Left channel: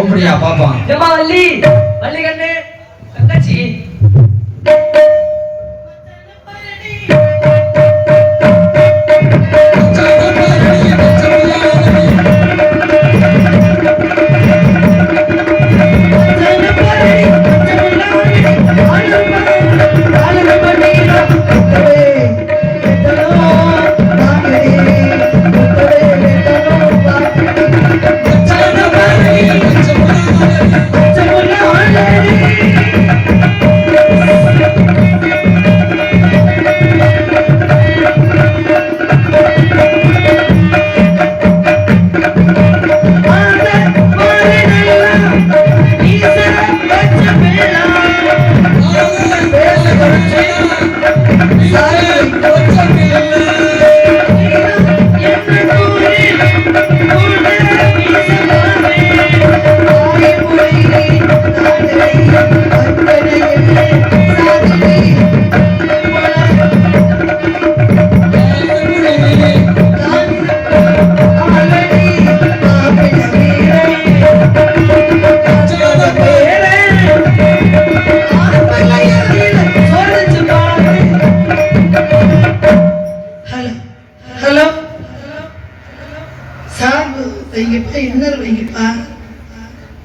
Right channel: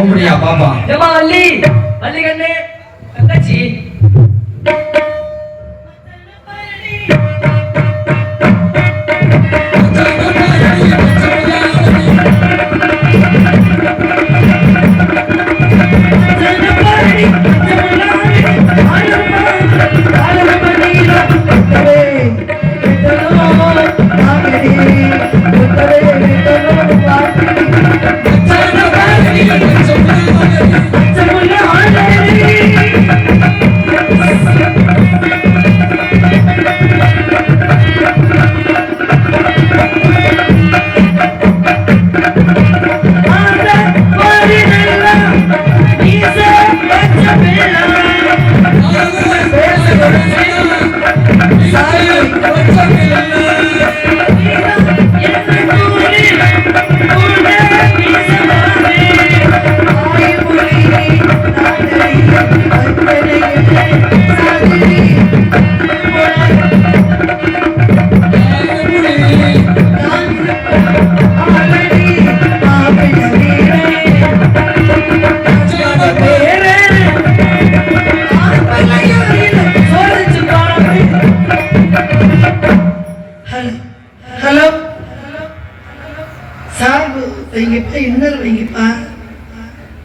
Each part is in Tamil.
அப்படியா பாப்பா? ஏமா வள்ளி, வள்ளி கண்ணு, தங்கச்சி.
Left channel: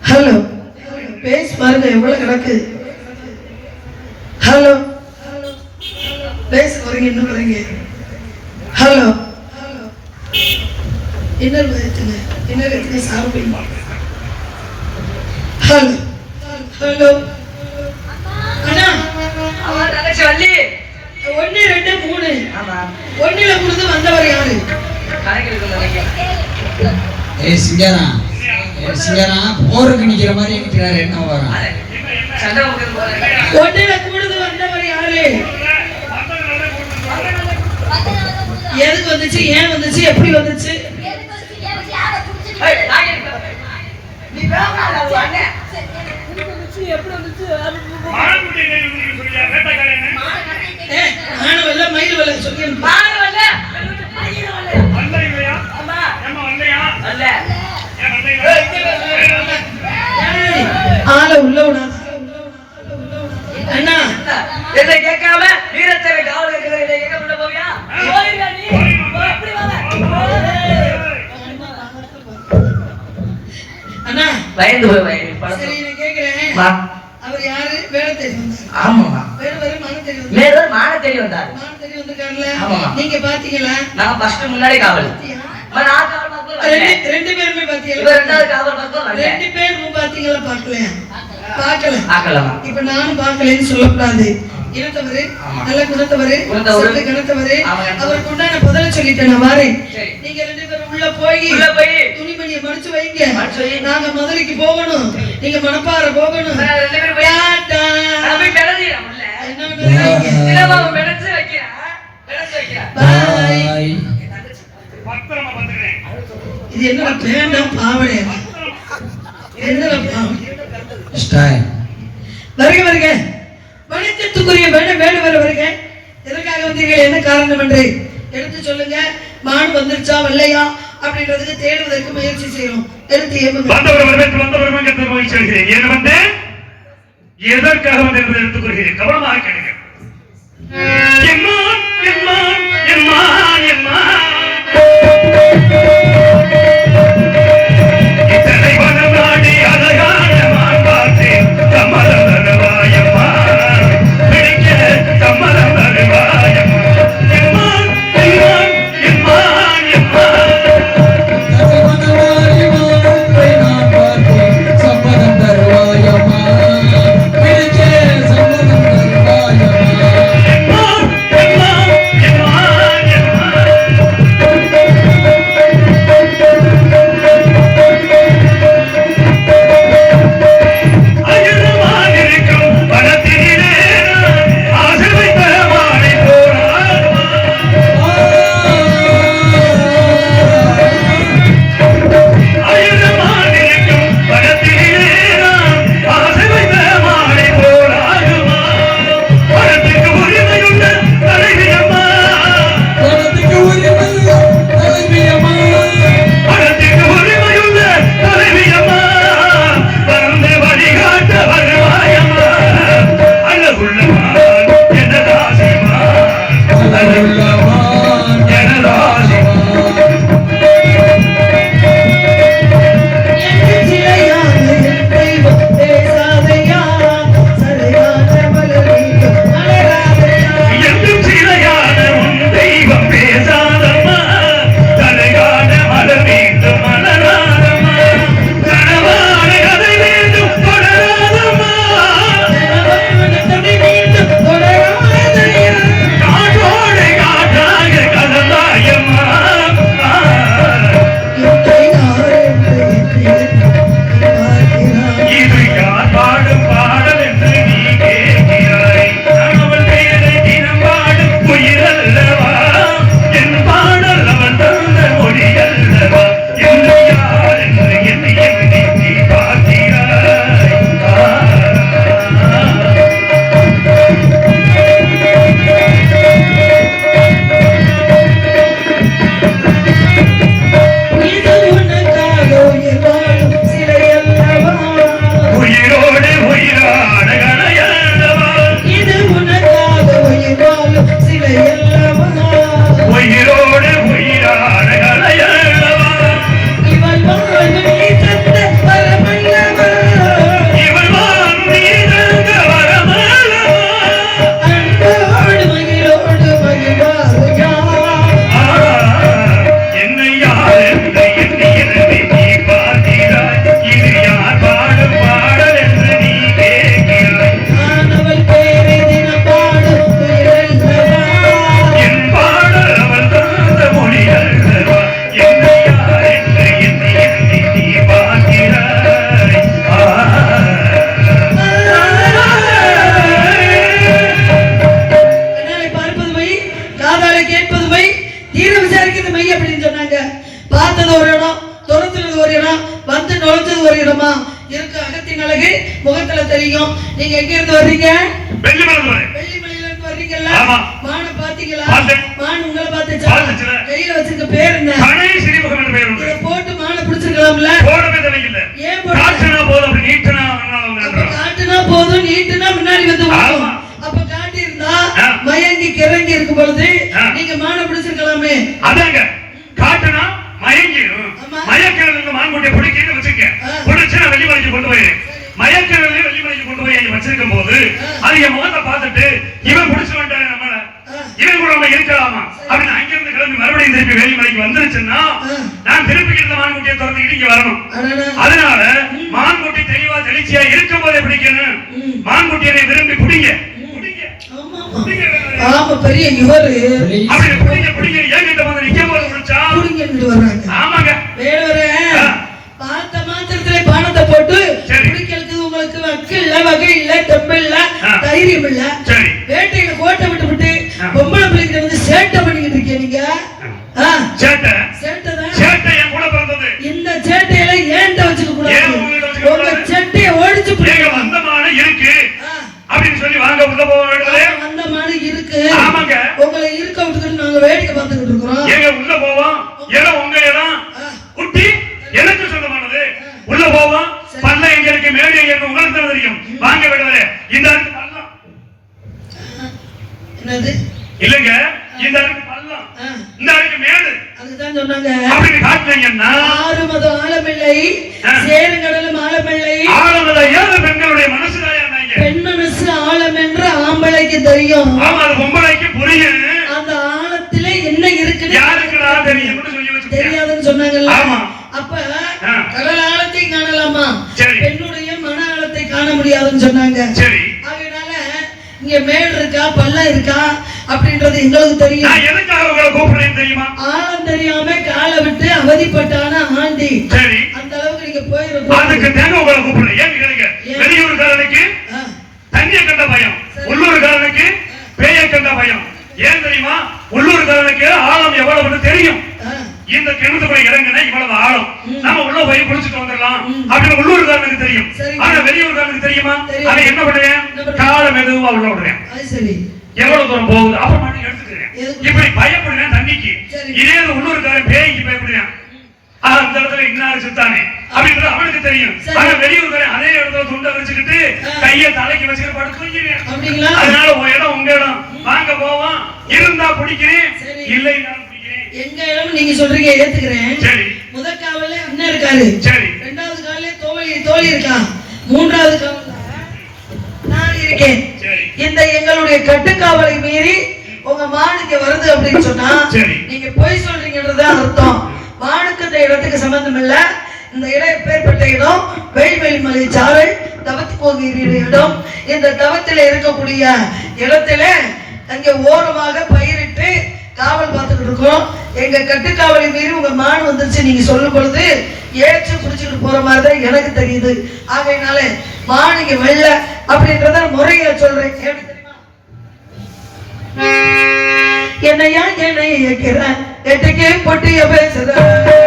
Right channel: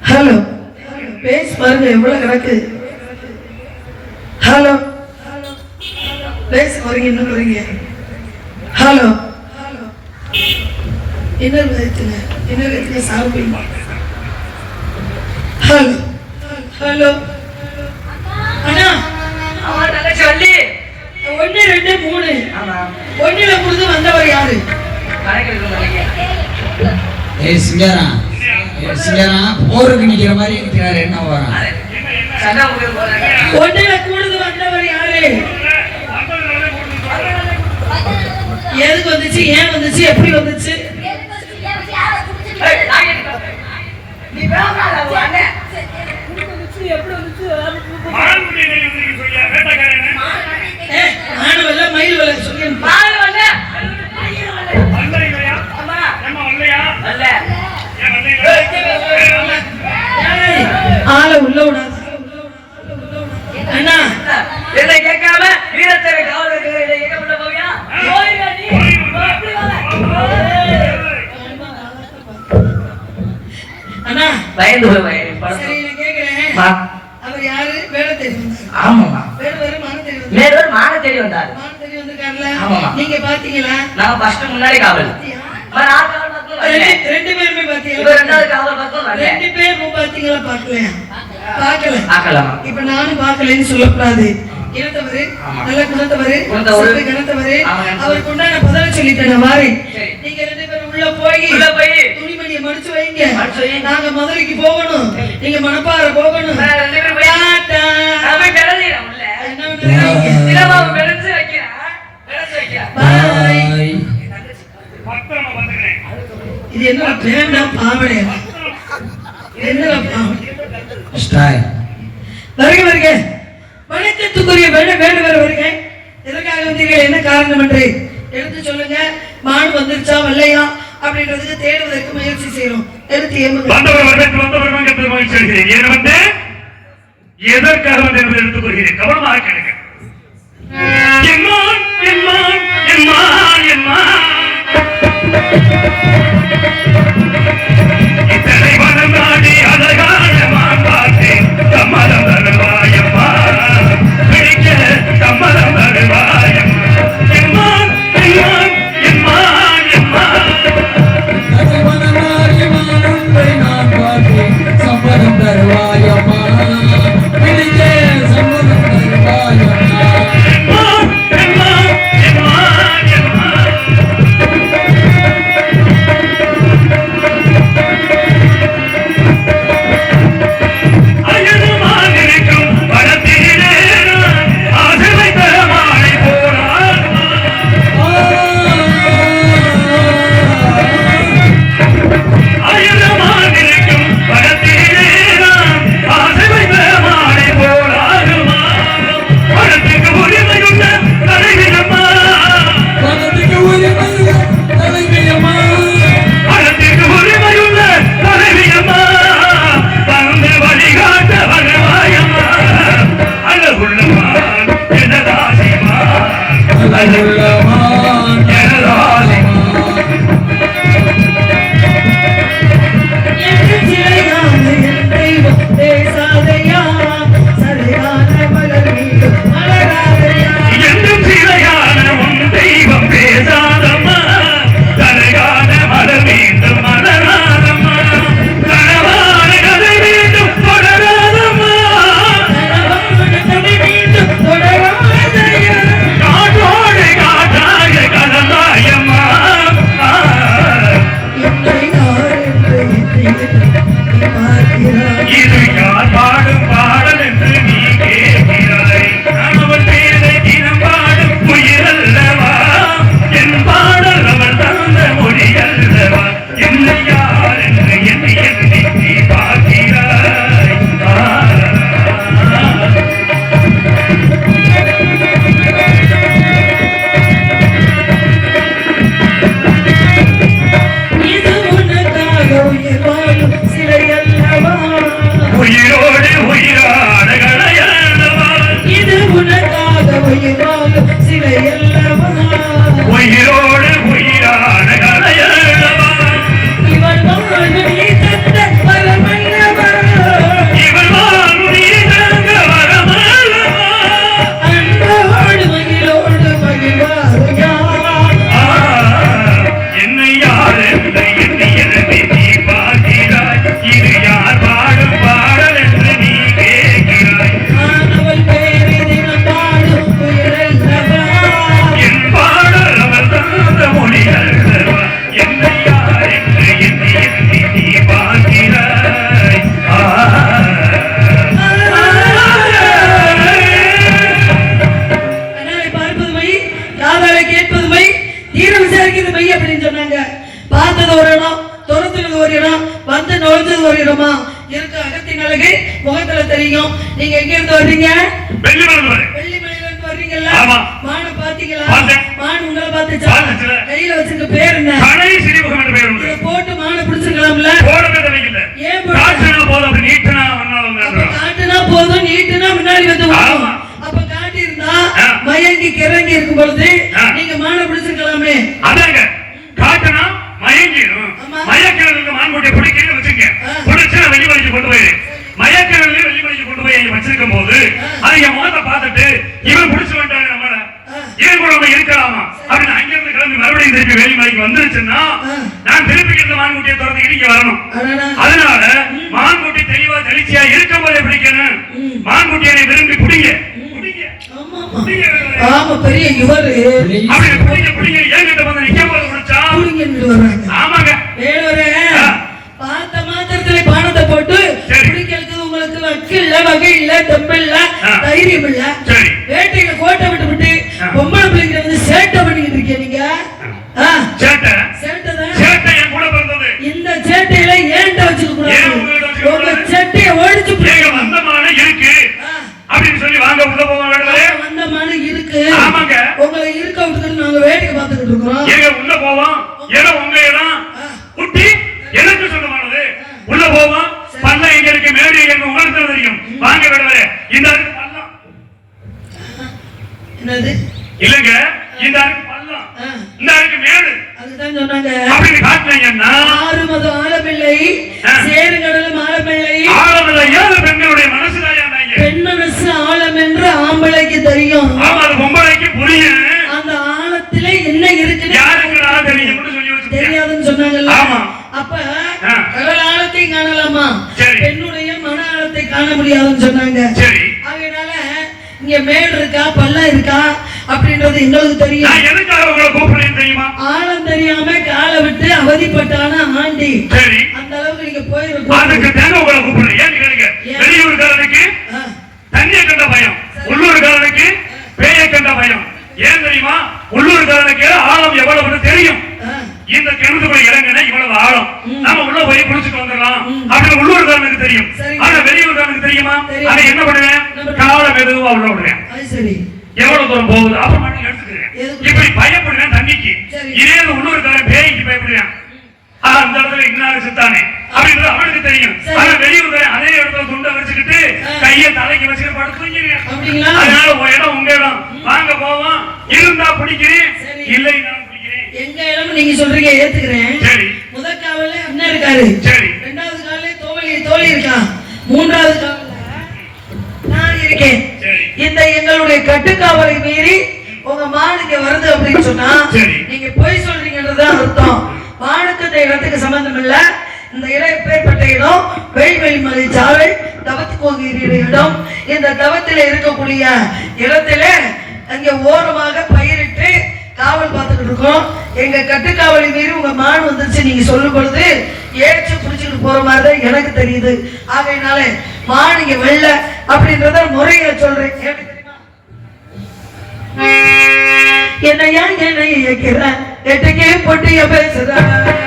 ஹலோ, பேஸ் பாருங்க எவ்வளவு கிடக்கு. ஹலோ, பேச வரீங்க இன்னும் வரீங்க. ஹலோ, இன்னொரு வயசுங்க, இன்னொரு வயசுல சாப்பிடுங்க. ஹலோ ஹலோ அண்ணா, தங்கச்சி வள்ளி. 1 2 3. ஒன்னில புரிது வந்தவர் யாரு? ஏய் சிங்கரா, போருக்கு நிக்கிற மாதிரி நிக்கிறாரு. என்ன வரும்? ஒன்னில புரிது வந்தவர் யாரு? எதுக்கு வந்துச்சு, ஏன் வந்துச்சு, எப்படி வந்துச்சு? ஆள உள்ள விடாது. அண்ணா என்ன கேட்காம வீரத்தை காவல் உள்ள போவியா? அண்ணா பயந்து சரி, நான் கேக்குறேன். அவர் யாரு? வேலை தெரியும். ஆமாமா. வேற மான தேடி வந்தாரு. நீங்க பாத்தீங்களா? நான் ஃபர்ஸ்ட் முன்னாடி காவல். ரெண்டு பேருமே பாத்தீங்களா? ரெண்டாவது காவல் பக்கம் வரல. 2 பேரும் பாத்தீங்களா? பார்க்கல. பார்க்கலாம். இப்ப நானும் பார்க்கலன்னு சொல்லக்கூடாது. இனத்தவரு, நல்ல குணத்தவரு, சிறு கணத்தவரு, அவருக்கு உண்டான பதில சொல்லிட்டேன். நான் வாரேன். நீங்க 2 பேரும் உள்ள போய் துணிமணியை மடிச்சு வைங்க. நாங்க மதுரைக்கு போகணும், நீங்க மணப்பாறை போகணும். இது என்ன பேண்டா பாவனை? என்ன வருக வருக, வணக்கத்துக்குரிய வேண்டுதல் வருக. எதற்காக வந்தீர்கள், என்ன காரணம் என்று எடுத்து சொல்லுங்க. மாடு வந்துருச்சா வரலையா அப்படின்றதுக்கு தேடுவதற்கு முயற்சி செய்யணும். எடுத்து எதற்காக வந்து எடுத்துக் கொள்கிறேன், கவனமாக கேளுங்க. சம்மதம் தருவாயம்மா. பார்க்கிறாய். இது யார் பாடும் பாடல் என்று நீ கேட்கிறாய். நான் அவள் பெயரை தினம் பாடும் உயிர் அல்லவா, என் பாடல் அவள் தந்த மொழி அல்லவா, என்னை யார் என்று என்னை எண்ணி நீ பார்க்கிறாய். இது உனக்காக உயிர் வாழும் சிலை அல்லவா. உயிரோடு உயிராட கடையல்லவா, இது உனக்காக உயிர் வாழும் சிலை அல்லவா. உயிரோடு உயிராட கடையல்லவா, இவள் வாழ்வு நீ தந்த வரமல்லவா. இவள் வாழ்வு நீ தந்த வரமல்லவா. அன்போடு மகிழோடு மகிழ்வாயா. என்னை யார் என்று எண்ணி எழுதி நீ பார்க்கிறாய். இது யார் பாடும் பாடல் என்று நீ கேட்கிறாய். நான் அவள் பெயரை தினம் பாடும் உயிரல்லவா. என் பாடல் அவள் தந்த மொழி அல்லவா, என்னை யார் என்று எண்ணி எழுதி நீ பார்க்கிறாய். கண்ணாலே பார்ப்பது மை, காதாலே கேட்பது மை, தீர விசாரிக்கிறது மை அப்படின்னு சொன்னாங்க. பார்த்தது ஒரு இடம், துரத்துறது ஒரு இடம், வந்து நுழைஞ்சது ஒரு இடமா இருக்கு. அகத்தின் அழகு முகத்துல தெரியும். நீங்க எங்க இருந்து வர்றீங்க? வெள்ளிமலை வெள்ளிமலையில இருந்து வர்றீங்கல்ல? ஆமா. மானை பாத்தீங்களா? பார்த்தேன். மான் உங்களை பார்த்துச்சா? பார்த்துச்சுல. கையில வச்சிருக்க பேர் என்ன? பனை சிறிமுகம் என்று பெயர் உண்டு. இதை போட்டு மானை பிடிச்சிருக்கலாம்ல? போடவே தேவையில்லை. ஏன் போடல? காற்றினா போதும், அப்படி நீட்டினா ஒன்னாலும் அப்ப வந்துடும். காட்டுனா போதும், நீட்டுனா முன்னாடி வந்து வரும். ஆமா. அப்ப காட்டி இருந்தா ஆ. மயங்கி கிறங்கி இருக்கும் பொழுது ஆ. நீங்க மானை பிடிச்சிருக்கலாமே. அதாங்க காட்டுனா மயங்கிடும். ஆமா. மயக்கிழங்கு மான்குட்டியை பிடிக்கிறேன்னு வச்சுக்க. ஆ. பிடிச்சு நான் வெள்ளிமலைக்கு கொண்டு போயிரு. மயக்கிழங்கு வெள்ளிமலைக்கு கொண்டு போய் இங்க வச்சிருக்கும் போது அதை என் முகத்தை பார்த்துட்டு இவன் பிடிச்சு வந்துட்டாங்க நம்மள, இவன் கூட நம்ம இருக்கலாமா அப்படின்னு அங்கிருந்து கிளம்பி மறுபடியும் திருப்பி வெள்ளிமலைக்கு வந்துருச்சுன்னா நான் திருப்பி இந்த மான்குட்டியை திறந்துக்கிட்டு இங்க வரணும். அடடா. அதனால மான்குட்டி தெளிவா தெளிச்சியா இருக்கும் போதே பிடிக்கணும். மான்குட்டியை விரும்பி பிடிங்க பிடிங்க ஆமா. பிடிங்க வேலை. ஆமா, பெரிய இவரு அப்படி பிடிங்க பிடிங்க ஏங்கிட்ட வந்து நிக்கும் போது பிடிச்சா புடிங்கிட்டு வர்றாங்க. ஆமாங்க. வேறொரு ஆ. பார்த்த மாத்திரத்துல பானத்தை போட்டு சரி. பிடிக்கிறதுக்கு உங்களுக்கு வக்கு இல்ல, வகை இல்ல, தெம்பு இல்ல, ஆ. தைரியம் இல்ல. சரி. வேட்டையில கோட்டை விட்டு விட்டு ஆ. பொம்பளை பிள்ளைகிட்ட வந்து சேட்டை பண்ணிக்கிட்டு இருக்கீங்க நீங்க. ஆ, சேட்டை சேட்டை தான். சேட்டை என் கூட பிறந்தது. இந்த சேட்டையில ஏன்ட்ட வச்சுக்க ஏன் கூடாது. உங்ககிட்ட வச்சுக்க உங்க கூடாது? சேட்டையை ஒழிச்சு ஏங்க போடுங்க. வந்தமான இருக்கு ஆ. அப்படின்னு சொல்லி வாங்க உள்ள போக வேண்டுமே. அந்த மாதிரி இருக்கு. ஆமாங்க. உங்களை இருக்க விட்டுக்கிட்டு நாங்க வேடிக்கை பார்த்துக்கிட்டு இருக்கிறோம். ஏங்க உள்ள போவோம், இடம் உங்க இடம், குட்டி எனக்கு சொந்தமானது. உள்ள போவோம், பண்ண எங்க இருக்கு, மேடு எங்க இருக்கு உங்களுக்கு தான் தெரியும். வாங்க விடுவாரு. இந்த அருக்கு பள்ளம் என்னது? இல்லங்க, இந்த அருக்கு பள்ளம், ஆ, இந்த அருக்கு மேடு அதுதான் சொன்னாங்க. அப்படின்னு காட்டுனீங்கன்னா ஆறு மதம் ஆழமில்லை, ஆ. சேருங்கடலும் ஆழமில்லை, ஆளுநர் ஏழு பெண்களுடைய மனசுதான் ஏன்னாங்க. பெண் மனசு ஆழம் என்று ஆம்பளைக்கு தெரியும். ஆமா, அது பொம்பளைக்கு புரியும். அந்த ஆழத்துல என்ன இருக்குன்னு யாருக்குடா தெரியும்னு சொல்லி வச்சுக்கோங்க. தெரியாதுன்னு சொன்னாங்கல்ல. ஆமா. அப்ப ஆ. கடல் ஆழத்தை காணலாமா, சரி. பெண்ணுடைய மன ஆழத்தை காண முடியாதுன்னு சொன்னாங்க. சரி. அதனால இங்க மேல் இருக்கா பள்ளம் இருக்கா அப்படின்றது எங்களுக்கு தெரியும். நான் எதுக்காக உங்களை கூப்பிடுறேன் தெரியுமா? ஆழம் தெரியாம காலை விட்டு அவதிப்பட்டான ஆண்டி. சரி. அந்த அளவுக்கு நீங்க அதுக்கு போயிருக்கோம். தேங்க உங்களை கூப்பிடுறேன். ஏன் கேளுங்க. வெளியூர்காரனுக்கு தண்ணியை கண்ட பயம், உள்ளூர்காரனுக்கு பேயை கண்ட பயம். ஏன் தெரியுமா? உள்ளூர்காரனுக்கு ஆழம் எவ்வளவுன்னு தெரியும். இந்த கிணத்துக்குள்ள இறங்கினா இவ்வளவு ஆழம், நாம உள்ள போய் குளிச்சுட்டு வந்துடலாம் அப்படின்னு உள்ளூர்காரனுக்கு தெரியும். சரி. ஆனா வெளியூர்காரனுக்கு தெரியுமா? தெரியும். அதை என்ன பண்ணுவேன்? காலம் மெதுவா உள்ள விடுறேன். அது சரி. எவ்வளவு தூரம் போகுது அப்புறம் மட்டும் எடுத்துக்கிறேன். எதுக்கு? இப்படி பயப்படுறேன் தண்ணிக்கு. சரி. இதே உள்ளூர்காரன் பேய்க்கு பயப்படுறேன். அந்த இடத்துல இன்னாரு சித்தானே அப்படின்றது அவனுக்கு தெரியும். சரி. ஆனா வெளியூர்காரன் அதே இடத்துல துண்டை வச்சுக்கிட்டு கையை தலைக்கு வச்சுட்டு படுத்துவீங்க. அப்படிங்களா? அதனால உங்க இடம் உங்க இடம், வாங்க போவோம். இருந்தா பிடிக்கிறேன், சரி. இல்லை நான் பிடிக்கிறேன். எங்க இடம் நீங்க சொல்றீங்க, ஏத்துக்கிறேன். சரி. முதல் காவல்ல அண்ணன் இருக்காரு, சரி. இரண்டாவது காவல்ல தோழி இருக்கா, மூன்றாவது காவல்ல நான் இருக்கேன். சரி. இந்த எங்களுடைய கட்டுக்காவலை மீறி உங்க மானுக்கு வருது அப்படின்னு சொன்னா சரி. நீங்க பொய் சொல்றீங்கன்றதுதான் அர்த்தம். மானுக்கு இந்த இடத்துக்கு சம்பந்தம் இல்ல. இந்த இடம் எப்பேற்பட்ட இடம்? வெள்வெளிமலை சாலை தவத்துக்கு போகிற இடம். இந்த தவத்தில இருக்கக்கூடிய இடத்துல அங்கே ஓரமாக பயிரிட்டு காவல் பார்த்துக்கிட்டு இருக்கோம். எங்க கட்டுக்காவலை மீறி உங்க மான் வந்துருச்சு நீங்க சொல்லும் பொழுது ஏச்சு புடிச்சுட்டு போற மாதிரி தான் எனக்கு தெரியுது. ஆகையினால மான் இங்க வெள்ள அப்படின்றத முறையா சொல்றேன். என்னையா என்னை இயக்கிறேன் எட்டுக்கே பொட்டிய பேசுறேன்.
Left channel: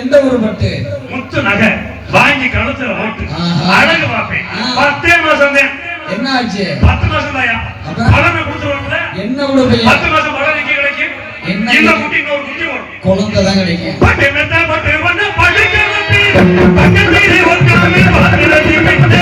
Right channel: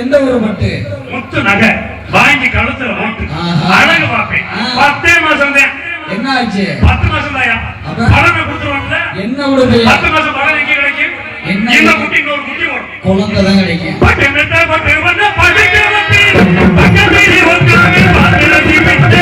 எந்த ஊர் பட்டு முத்து நகை வாங்கி கழுத்துல போட்டு அழகு பார்ப்பேன். 10 மாசம் தான். என்ன ஆச்சு? 10 மாசம் தாயா பழமை கொடுத்துருவாங்க. என்ன உங்களுக்கு 10 மாசம் பழம் எங்க கிடைக்கும்? இந்த குட்டி இன்னொரு குட்டி வரும். குழந்தை தான் கிடைக்கும். பட்டு மெத்த பட்டு வந்து படிக்க வப்பி பக்கத்திலே உட்கார்ந்து பாத்திரத்தி விட்டு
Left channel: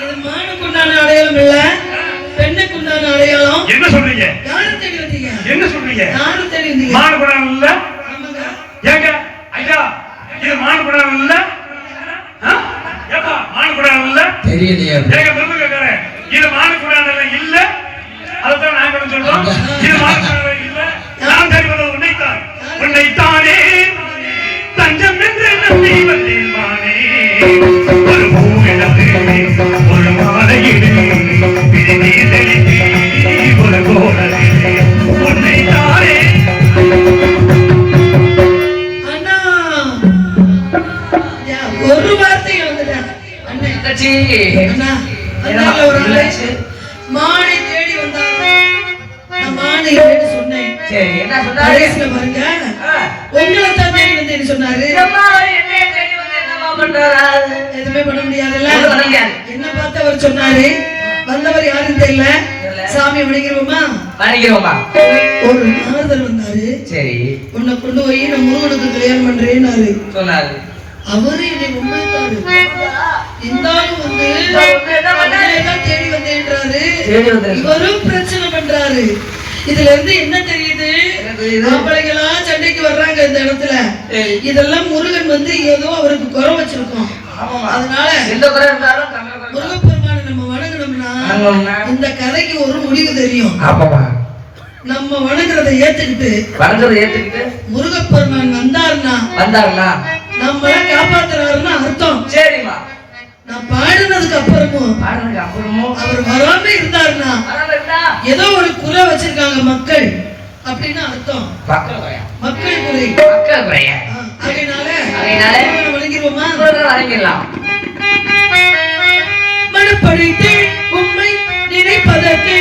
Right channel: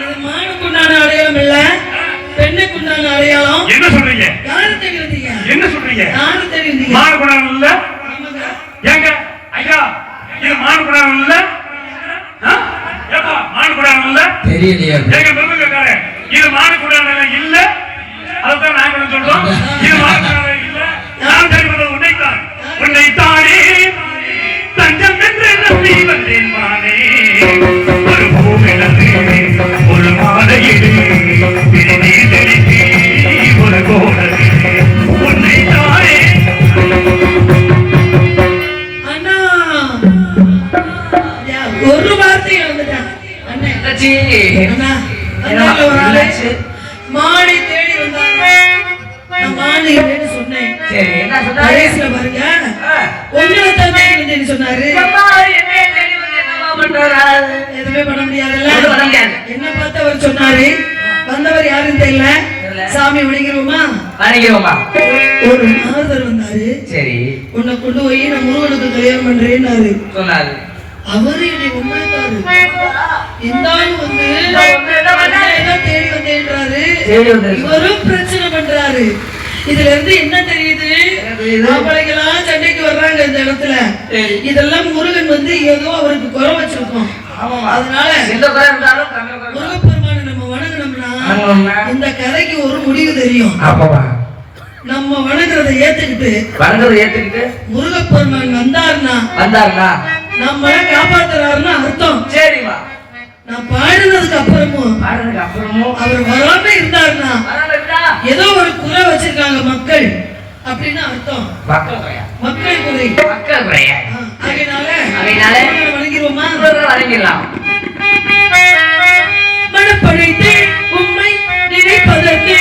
இது மானுக்குண்டான அடையாளம் இல்ல, பெண்ணுக்குண்டான அடையாளம். என்ன சொல்றீங்க? யாரு தேடி வந்தீங்க? என்ன சொல்றீங்க? யாரு தேடி வந்தீங்க? மானுக்குடானம் இல்ல? ஆமாங்க. ஏங்க ஐயா, இது மானுக்குடானம் இல்ல? ஏப்பா மானுக்குடானம் இல்ல? தெரியலையா? ஏங்க மிருகக்காரன், இது மானுக்குடானம் இல்ல? அதுதான் நாங்களும் சொல்றோம். இது மானுக்குடானம் இல்ல. நான் தேடி வந்தது உன்னைத்தான். உன்னைத்தானே தஞ்சம் என்று நம்பி வந்தேன் மானே. ஒரு பூவிழந்து ஒரு மாலையிடு பிரிதி தெளித்து ஒரு கோடலில் உன்னைத்தானே. அண்ணா, ஒரு வார்த்தை வந்துட்டேன். அண்ணே, தங்கச்சி, அண்ணா, என்ன அண்ணா ஒரு ஆளு என்னாச்சு? மானை தேடி வந்தாங்க. நான் மானை இல்லைன்னு சொன்னேன். சரி, என்ன சொன்னாரு? கடைசியில பாருங்க, உங்களை தான் தேடி வந்தேன்னு சொன்னாரு. அம்மா, என்னைய தேடி வந்து என்னம்மா பண்றாரு? எதுவுமே பண்ண முடியாதுல்ல. எதுவும் பண்ண முடியாது. என்ன பார்த்து அவர் சொன்னாரு, வந்தவர் யாருன்னு தெரியல, சாமி வணங்கிருவோமா? வணங்கிடுவோமா? ஒரு நாரதர் வந்தாரு. சரி, உன்னை கொண்டு போய் நான் முருகனுக்கு கல்யாணம் பண்றேன்னாரு. சொன்னாரு. அவரு என்னை உண்மைத்தாரு. இந்த ஆள் வந்து உன்னையதான் தேடி வந்தேன்றாரு. தேடி வந்தாரு. இவரும் பிரச்சனை பண்றாரு. இதுல இருந்து என்ன தெரியுது? ஆம்பளைங்களா சண்டைக்கு வர்றாங்க இந்த இடத்துல. இதெல்லாம் முருகன் வந்து ஏதோ அவருக்கு குறை வச்சிருக்கோம். அதனால எந்த குறை இருந்தாலும் தமிழ் குறை. முருகப்பெருமானை நம்ம வணங்கினோம்னா இந்த கதைக்கு ஒரு முடிவு தெரியும். ஆமாமா. நம்ம வணங்குறதை ஏத்துக்கிட்டு வணங்குறதை ஏத்துக்கிட்டு முருகப்பெருமான் வந்தாருன்னா நம்மள காப்பாத்துறாருன்னு அர்த்தம். சரிம்மா. நான் பாடுனதுக்கு அப்புறமும் அவர் வராம இருந்தாருன்னா ஏதோ ஒரு குறை வச்சிருக்காங்க மக்கள் அப்படின்னு அர்த்தம். மக்கள் குறை. அதனால வணங்கிடுவோமா? வணங்கிடலாம். மனப்படைத்து உண்மை நினைப்பதற்கு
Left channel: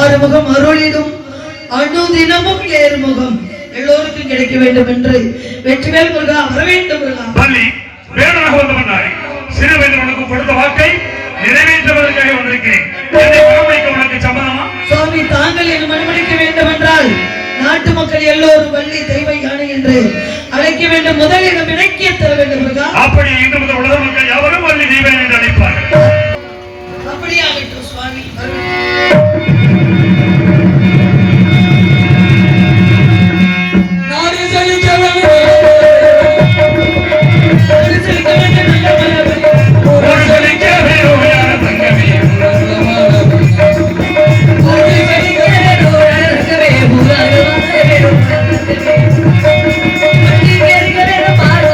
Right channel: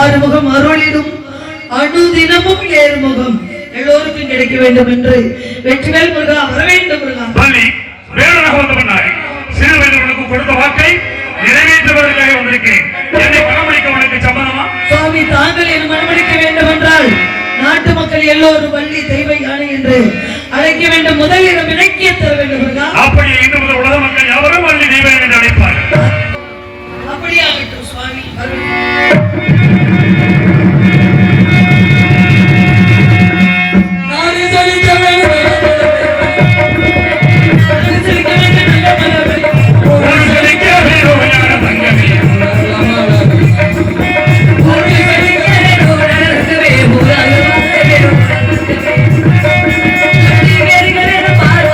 ஆறுமுகம் அருளிடும் அனுதினமும் ஏறுமுகம் எல்லோருக்கும் கிடைக்க வேண்டும் என்று வெற்றிவேல் முருகா வர வேண்டும் முருகா. பள்ளி வேறொரு வந்தவனாய் சிறு வயது கொடுத்த வாக்கை நிறைவேற்றுவதற்காக வந்திருக்கிறேன். என்னை மனமளிக்க உனக்கு சம்மதமா? சுவாமி, தாங்கள் என் மனமளிக்க வேண்டும் என்றால் நாட்டு மக்கள் எல்லோரும் வள்ளி தெய்வ யானை என்று அழைக்க வேண்டும். முதலிடம் இலக்கிய தர வேண்டும் முருகா. அப்படி இன்று முதல் உலக மக்கள் எவரும் வள்ளி தெய்வம் என்று அழைப்பார்கள். அப்படியாகட்டும் சுவாமி. பாரு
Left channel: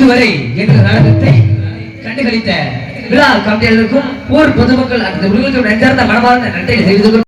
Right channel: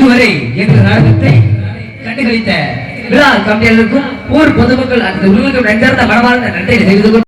இதுவரை எங்கள் நாடகத்தை கண்டுகளித்த விழா கம்பியர்களுக்கும் ஊர் பொதுமக்கள் அந்த உள்ளூர் நெஞ்சார்ந்த மனமார்ந்த நன்றியை தெரிவித்துக் கொண்டு